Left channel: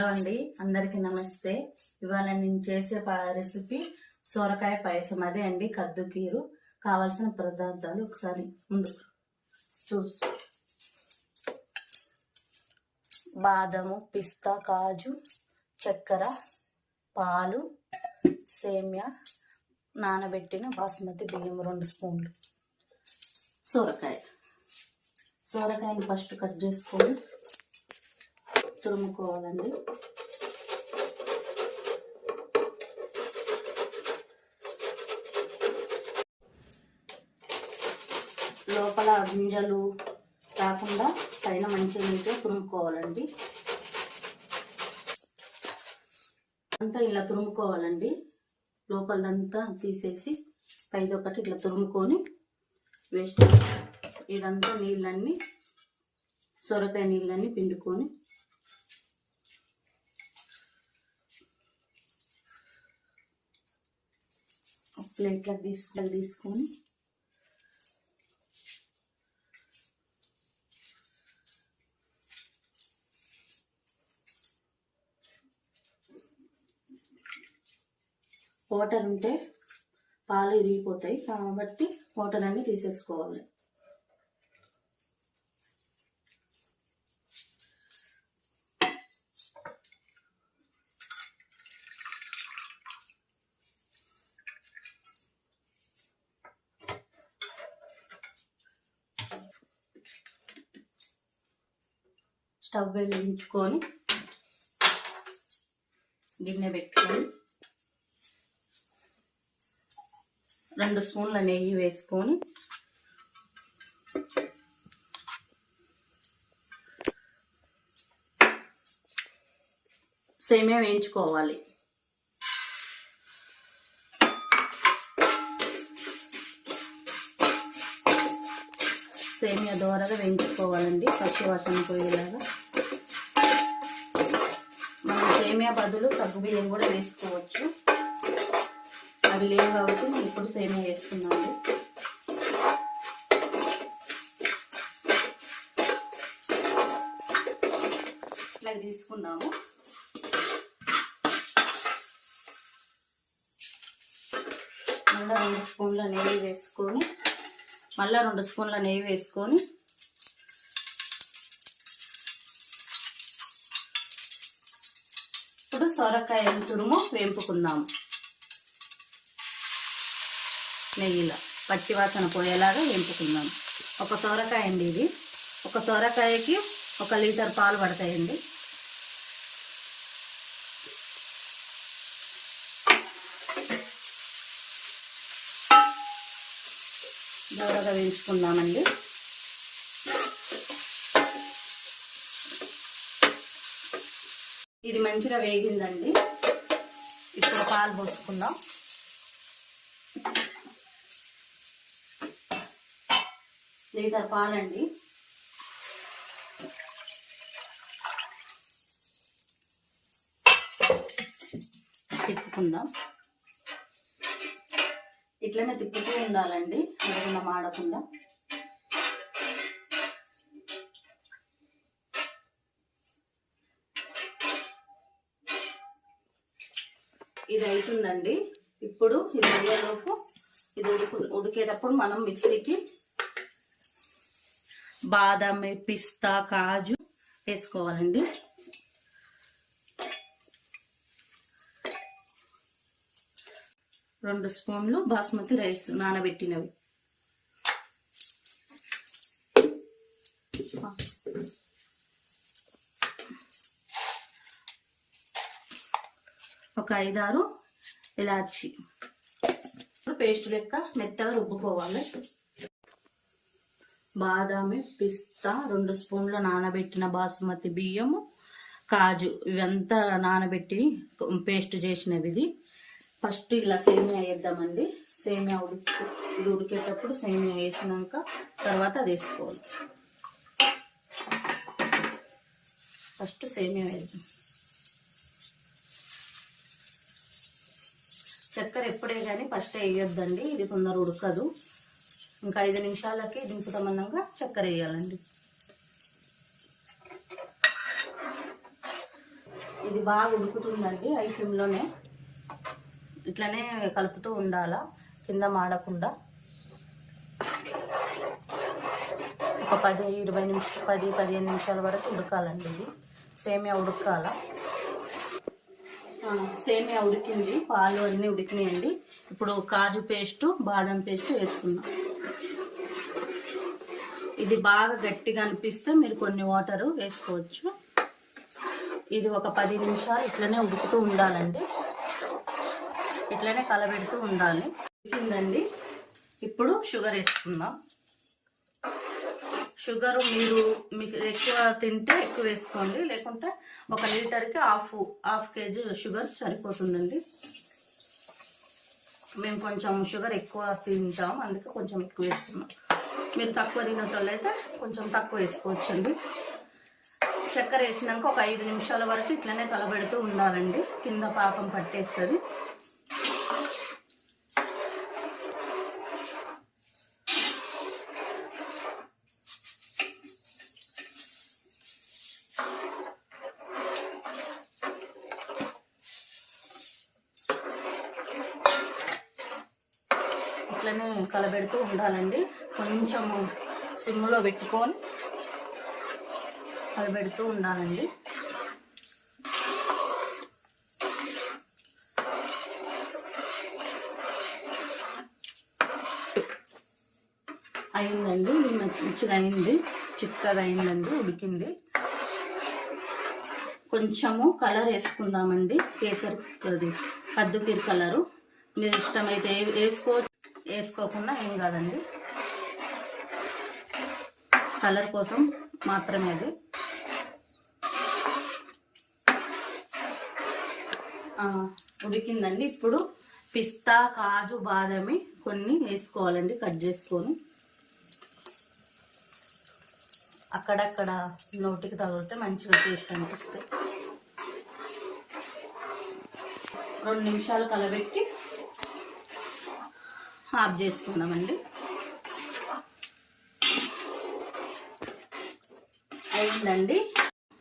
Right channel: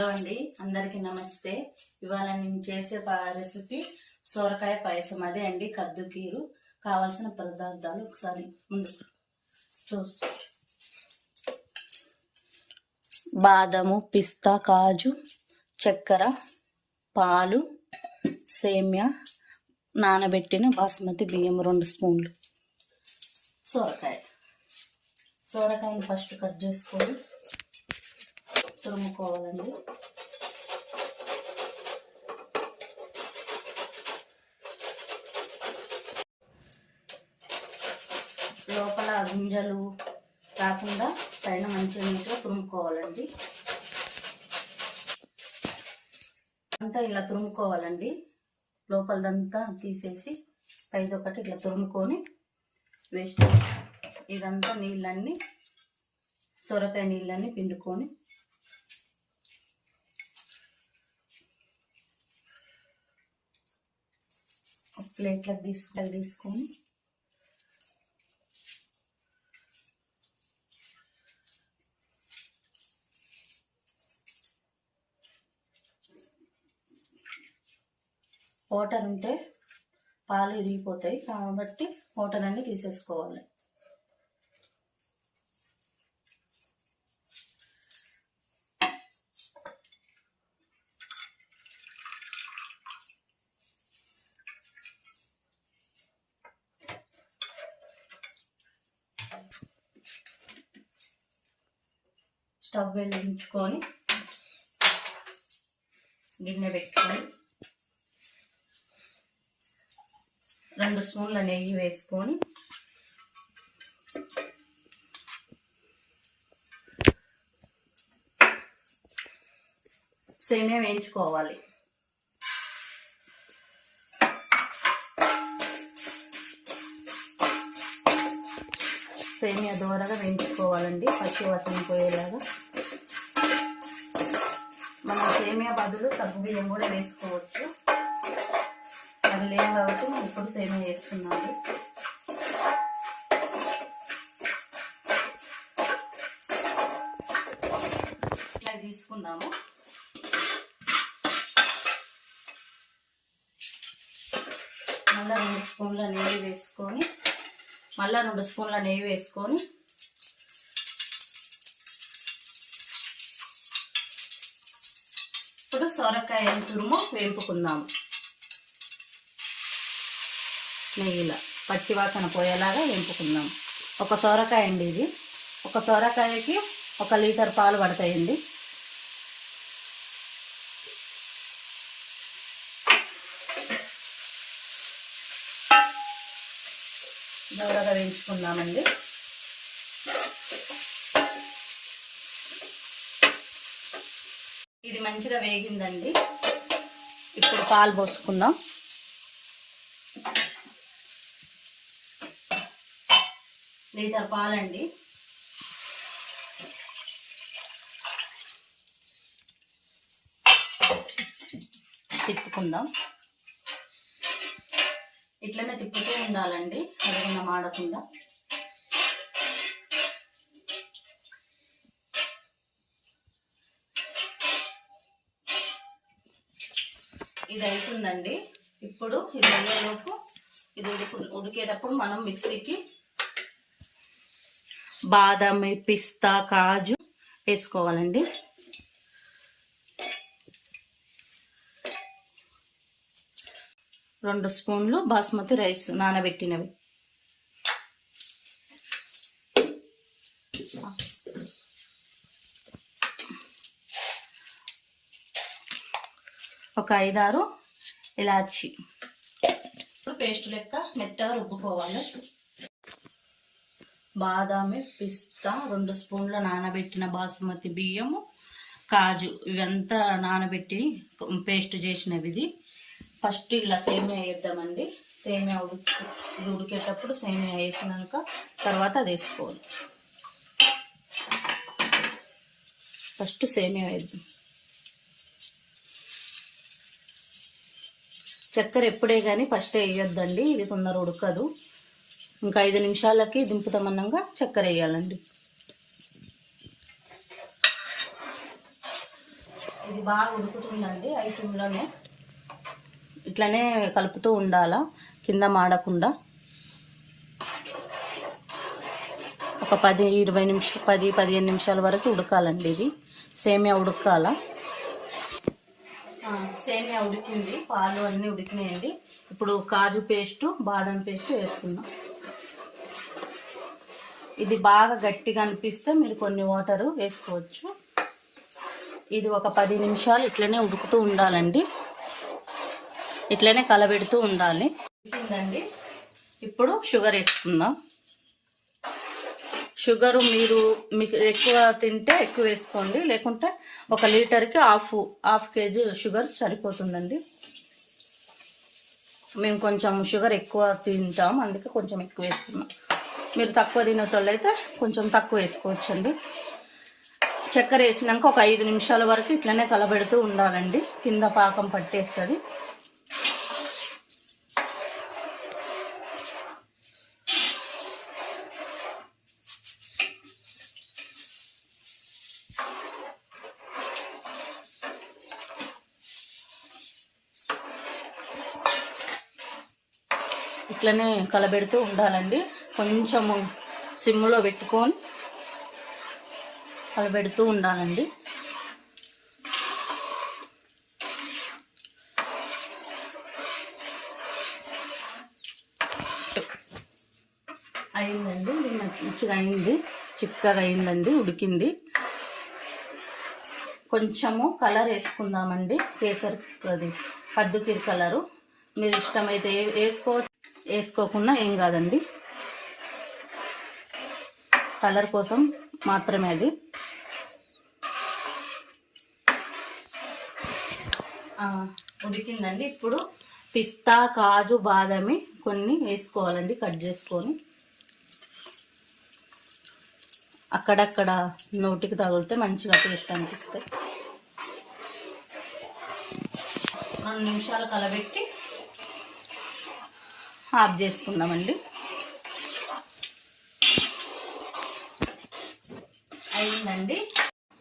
Hello అండి, అందరికీ నమస్తే. ఇవాళ నేను చేసే రెసిపీ సొరకాయ పాయసం. అదే అండి కద్దుకీరు. కావాల్సిన పదార్థాలు ఒకసారి ముందు చూస్తూ: బాదము, పిస్తా, కాజు, చక్కెర, పాలు, సేమ్యా, నానబెట్టిన బాస్మతి బియ్యం 2 స్పూన్లు, సొరకాయని ఫస్ట్ కట్ చేసుకొని తురుముకోవాలండి. లోపల గింజలు కాకుండా పైన మంచిగా నీట్గా తురుముకోవాలండి. అంతా ఇలా తురుముకోవాలండి. లోపలదంతా తీసేసి పైదొకటి ఇట్లా తురుముకొని వేస్ట్ ఇదంతా నీళ్ళన్నీ సొరకాయ నీళ్ళన్నీ పిండుకొని ప్లేట్లకు తీసుకొని వాటర్ ఉంటే పాలు ఇరిగిపోతాయి కాబట్టి వాటర్ అన్ని తీసేసుకోవాలి. స్టవ్ వెలిగించుకొని గిన్నె పెట్టుకొని 2 స్పూన్ల నెయ్యి వేసుకొని సేమియా వేయించుకోవాలి. సేమియా దోరగా వేయించుకోవాలండి, పచ్చి వాసన పోయేలాగా. మనం సేమియా బదులు సగ్గు బియ్యం కూడా వేసుకోవచ్చు. అవి లేవు కాబట్టి నేను ఇప్పుడు సేమియా వేస్తున్నాను. ఇట్లా తీసుకుందాము. మళ్ళీ 2 స్పూన్ల నెయ్యి వేసుకొని ఇప్పుడు సొరకాయ తురుము వేపుకుందాము. నెయ్యిలో పచ్చివాసన పోయేలాగా వేపుకుందాం. ఒక సొరకాయ అండి ఇది. ఒక సొరకాయకి 1 లీటర్ పాలు పడతాయండి. దూరగా వేయించుకుందామండి. ఇది మంచిగా వేగిందండి. ఇప్పుడు పాలు పోసుకుందాం. లీటర్ పాలండి. తిప్పుకుందాం. ఇట్లనే తిప్పుతూ ఉండాలండి, ఏదైనా మాడకుండా. ఇది అవుతుందండి. ఇప్పుడు ఇది అయ్యేలోపు ఇది ఉడికేటప్పుడు మనం మిక్సీకి బాదం, పిస్తా, కాజు వేసుకోవాలండి. రెండు స్పూన్లు బాస్మతి రైస్ నానబెట్టినవి, ఒక 5-6 ఇలాచి పేస్ట్ లెక్క మెత్తగా రుబ్బుకోవాలి. బాదామి, పిస్తా, 2 స్పూన్ల నానబెట్టిన బాస్మతి బియ్యము, కాజు ఇవంతా నానబెట్టి పేస్ట్ చేసినవి. ఇది ఫస్ట్ ఇలా సేమియా వేద్దామండి. సేమియా ఇది ఉడికేటప్పుడు సేమియా వేసినాక తర్వాత అది వేసుకోవాలి. ఫస్ట్ సేమియా వేద్దాం. చక్కెర ఎప్పుడే కానీ ఫస్ట్ వేయొద్దండి, ఇది తొందర ఉడకదు. ఇంకా 5 నిమిషాలకి దింపుతామన్నాక చక్కెర వేయాలండి. ఇది బాగా ఉడుకుతుందండి ఐటెంలోనే. ఇట్లనే కలుపుతూ ఉండాలా కింద మాడకుండా. ఒక 10-15 నిమిషాల వరకు ఉడకాలండి. ఇది సేమియా ఉడకాల. సేమియా ఉడికింది, పాలు అన్నీ ఉడికినాయండి. ఇప్పుడు కాజు పేస్టు, బాదం పేస్ట్ వేస్తున్నాం. ఇది బాగా గట్టిగా అనిపిస్తే మీరు కొన్ని వాటరు వేసుకోవచ్చు. ఇది ఒక 10 నిమిషాలు ఇట్లనే ఉడుకుతూ ఉండాలండి. ఇట్లనే కలబెడుతూ ఉండాలి. ఉడికిందండి. ఇప్పుడు షుగర్ వేసుకుందాం. షుగరు మీకు ఎక్కువ తింటే ఎక్కువ వేసుకోండి, లేకుంటే 1 లీటర్కి హాఫ్ కేజీ షుగర్ సరిపోతుందండి. మేము కొంచెం షుగర్ ఎక్కువ తింటాం, అందుకే కొంచెం ఎక్కువ వేస్తున్నాం. మీరు తక్కువ తినేటోళ్ళైతే కొంచెం తక్కువ వేసుకోవచ్చండి. చక్కెర వేసినాక ఒక 5 నిమిషాల వరకు ఇట్లనే కలబెడుతూ ఉండాలండి. కింద పాకం పట్టేస్తుంది. ఇట్లనే కలబెడుతూ ఉండాలండి. కొంచెము సిమ్లో పెట్టుకొని కలబెడుతూ ఉండాలండి. అయిందండి, మంచిగా అయింది, చిక్కగా అయిందండి, ఉడికింది. కొంచెము కలర్ వేసుకుందామండి, కేసరి అది కద్దుకీర కలరు. మీరు ఇష్టమైతే వేసుకోకుండా ఏం కాదండి, కలర్ కోసం మాత్రమే అది. ఉడికిందండి. ఇప్పుడు పిస్తా, కాజు, బాదామి కొన్ని వేసుకోవాలండి, కట్ చేసుకొని. అక్కడక్కడ నోటికి తగిలితే మంచిగా టేస్ట్ అనిపిస్తాయి. 2 నిమిషాలు కలబెట్టి ఆఫ్ చేసుకుందామండి. అయిందండి.